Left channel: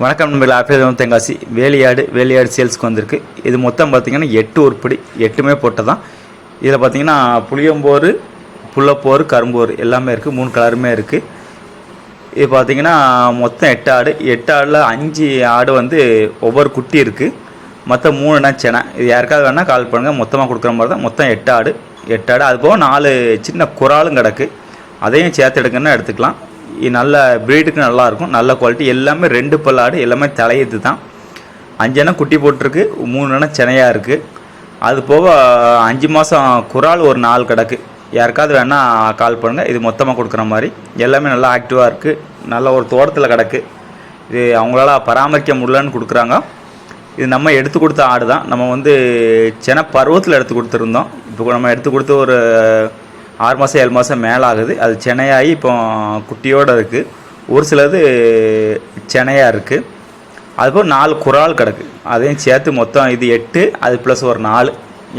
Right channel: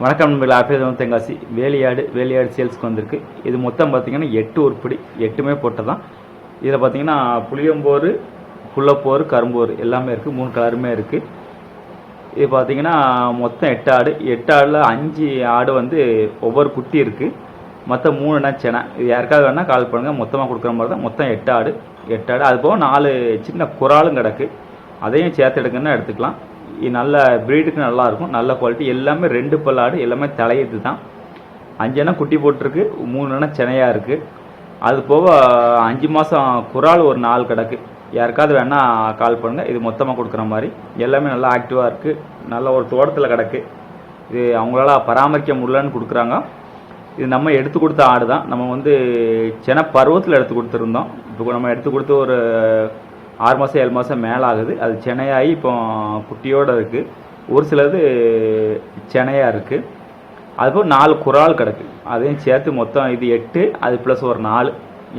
வணக்கம் நண்பர்கள் ஆப்பிள் தெங்காசி வேலையாடு வேலையாடு சேல்ஸ்க்கு வந்திருக்கு. இது மொத்தம் பார்த்திங்கன்னா எட்டு உருப்படி எட்டுமே போட்டது தான் இதில் பார்த்தீங்கன்னா புளியம்போர் புள்ளப்போர் கரும்போர் எல்லாமே இருக்குது மூணு கலருமே இருக்குது இது பார்த்தீங்கன்னா மொத்தம் எட்டு ஆடு. எட்டு ஆடில் அஞ்சு ஆடு வந்து ஒவ்வொரு குட்டி இருக்குது மொத்தம் மூணுனா செனை. இது யாருக்காவது வேணால் கால் பண்ணுங்கள் மொத்தமாக கொடுக்குற மாதிரி தான் மொத்தம் எட்டு ஆடு. எட்டு ஆடு. அது போக நாலு சின்ன குறாலும் கிடக்கு. அதையும் சேர்த்து எடுக்கணும்னா எடுத்துக்கலாம். நல்ல ப்ரீடுக்கு நல்லாயிருக்கும் நல்ல குவாலிட்டி எல்லாமே ரெண்டு பல்லாடு எல்லாமே தலையது தான் அஞ்சனா குட்டி போட்டிருக்கு. மூணுனா செனையாக இருக்குது அது போக அஞ்சு மாதம் குரால் ஒரு நாலு கிடக்கு. யாருக்காவது வேணால் கால் பண்ணுங்கள் இது மொத்தமாக கொடுக்குற மாதிரி. எல்லாமே நல்லா ஆக்டிவாக இருக்குது நல்ல ஒரு தோட்டத்தில் கிடக்கு. இது அவங்களால பராமரிக்க முடியலன்னு கொடுக்குறாங்க. இது நம்ம எடுத்து கொடுத்த ஆடு தான் நம்ம வந்து சென பருவத்தில் எடுத்து கொடுத்துருந்தோம். இப்போ நம்ம எடுத்து கொடுத்து ஒரு ஆறு மாதம் ஏழு மாதம் மேலே ஆகுது அது சென்னையாகி இப்போ குட்டியோடு இருக்குது ஒரு சிலது சென்னையாக இருக்குது அதுபோல் நாலு குறால் கிடக்கு. அதையும் சேர்த்து மொத்தம் இது எட்டு அது ப்ளஸ் ஒரு நாலு.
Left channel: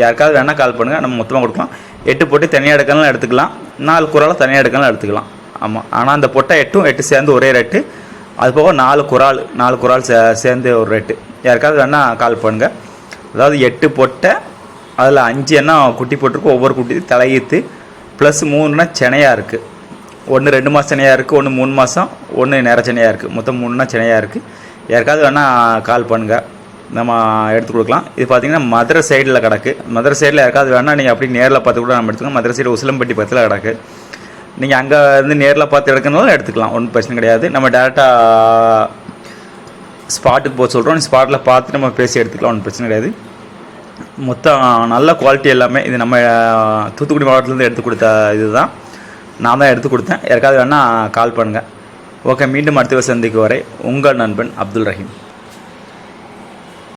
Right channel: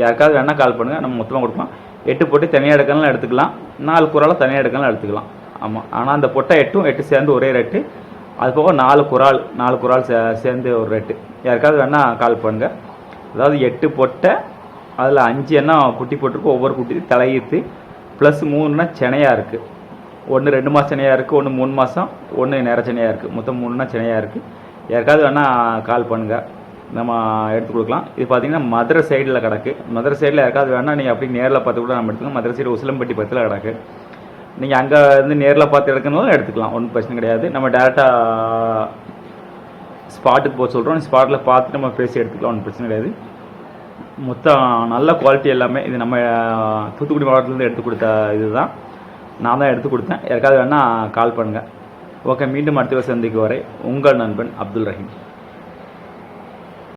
யாருக்காவது வேணால் கால் பண்ணுங்கள் நம்ம மொத்தமாக கொடுக்கலாம். எட்டு போட்டு தனியாக எடுக்கலாம் எடுத்துக்கலாம். நாலு குறாலை தனியாக எடுக்கலாம் எடுத்துக்கலாம். ஆமாம் ஆனால் அந்த பொட்டை எட்டும் எட்டு சேர்ந்து ஒரே ரேட்டு அது போக நாலு குறால் நாலு குறால் சே சேர்ந்து ஒரு ரேட்டு யாருக்காவது வேணால் கால் பண்ணுங்கள் அதாவது எட்டு பொட்டை அதில் அஞ்சு என்ன குட்டி போட்டிருக்கு ஒவ்வொரு குட்டி தலையீத்து. ப்ளஸ் மூணுனா சென்னையாக இருக்குது ஒன்று ரெண்டு மாதம் செனையாக இருக்குது ஒன்று மூணு மாதம் ஒன்று நேர செனையாக இருக்குது மொத்தம் மூணுனா செனையாக இருக்குது யாருக்காவது வேணால் கால் பண்ணுங்கள் நம்ம எடுத்து கொடுக்கலாம். இது பார்த்தீங்கன்னா மதுரை சைடில் கிடக்கு. மதுரை சைடில் யாருக்காவது வேணால் நீங்கள் அப்படி நேரில் பார்த்து கூட நம்ம எடுத்துக்கலாம். மதுரை சைடு உசிலம்பட்டி பக்கத்தில் கிடக்கு. நீங்கள் அங்கே வந்து நேரில் பார்த்து எடுக்கணும்னாலும் எடுத்துக்கலாம். ஒன்றும் பிரச்சனை கிடையாது. நம்ம டேரெக்டாக ஸ்பாட்டுக்கு போக சொல்கிறோம் ஸ்பாட்டில் பார்த்து நம்ம பேசி எடுத்துக்கலாம். ஒன்றும் பிரச்சனை கிடையாது. மொத்தம் நல்ல குவாலிட்டி எல்லாமே இது நம்ம தூத்துக்குடி மாவட்டத்துலேருந்து எடுத்து கொடுத்த இதுதான். நான் தான் எடுத்து கொடுத்தேன். யாருக்காவது வேணால் கால் பண்ணுங்கள் ஓகே மீண்டும் அடுத்த சந்திக்கு வரை உங்கள் நண்பன் அப்துல் ரஹீம்.